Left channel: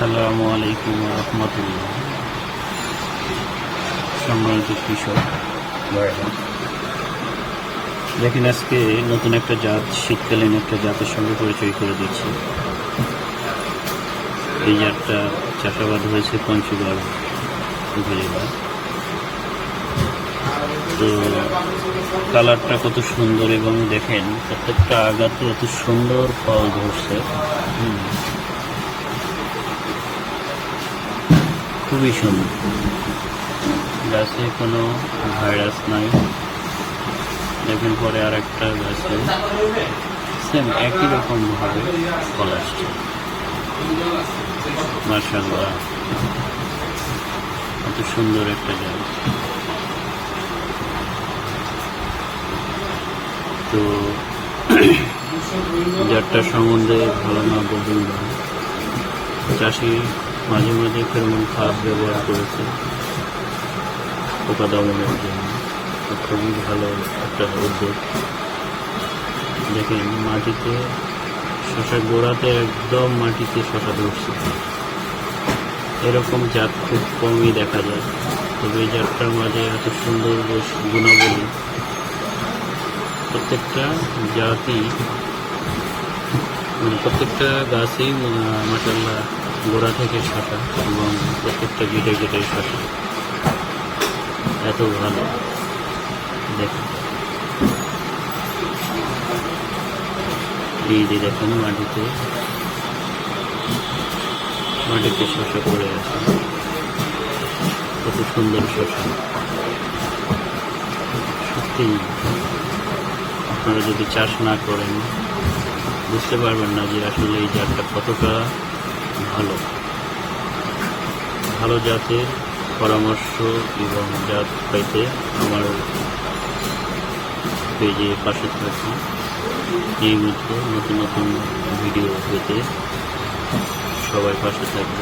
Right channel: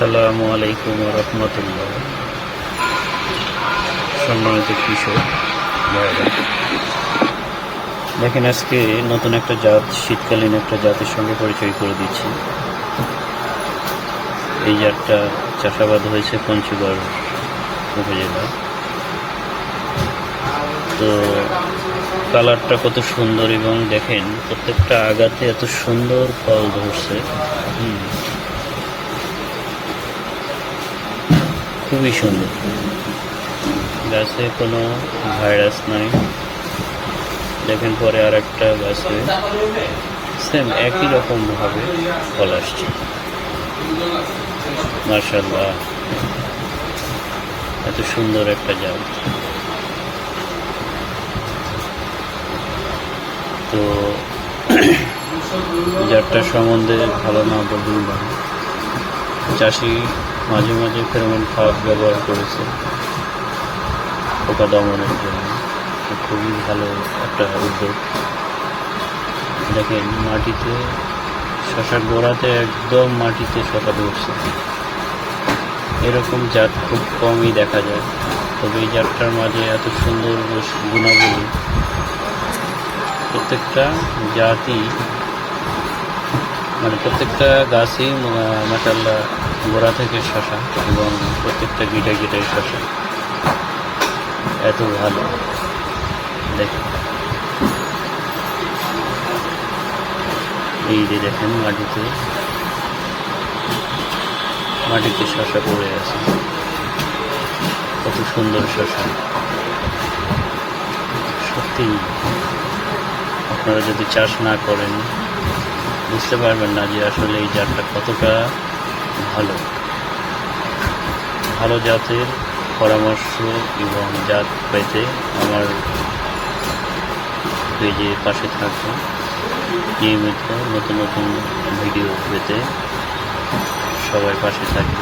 আসসালামু আলাইকুম ওয়া রাহমাতুল্লাহ। সম্মানিত কৃষক ভাইরা, দেখেন আজকে নতুন একটা জাত, শীতকালীন একটা জাতের সঙ্গে পরিচয় করে দিচ্ছি। এই জাতটা চাষাবাদ হয়েছে পঞ্চগড় উপজেলা। তো কালারটা কত সুন্দর, এবং দেখেন প্রত্যেকটা আগাতে এত সুন্দর ফল ধরছে। খুবই সুন্দর, গাছে কোনো ভাইরাস নাই। দেখেন পরে আর একটা গাছে সেম একই রকম ভাবে ফল আসছে। মাশাআল্লাহ, এত সুন্দর একটা জাত। তো জাতটার সম্বন্ধে ভালো না বলবেন না, চাষি মাঝে মাঝে ফেরোমন ফাঁদ ব্যবহার করেছে পোকা দমনের জন্য। খুবই ভালো একটা উদ্যোগ। দেখেন মাটিতে শশা গোড়াতে একদম মাটিতে শশা ধরছে। এরকম জাত খুব কমই দেখা যায়, তবে এই জাতটার মাঝে এত সুন্দর গুণাবলী। প্রত্যেকটা জাতই প্রত্যেকটা গাছেই মাশাআল্লাহ গোড়া থেকে শশা, এবং প্রত্যেকটা গিটে গিটে শশা। এত ভালো। দেখেন এই যে দেখেন মাটিতে শশা পড়ে আছে, কত সুন্দর শশা। সত্যি আপনারা যদি চাষ না করেন বুঝতে পারবেন না যে আসলে এই জাতটা কতটা ভালো জাতের পরামর্শ এবং জাত পেতে আমার পেজে পাশে থাকুন। নিয়মিত নতুন নতুন ভিডিও পেতে সবাই পাশে থাকবে।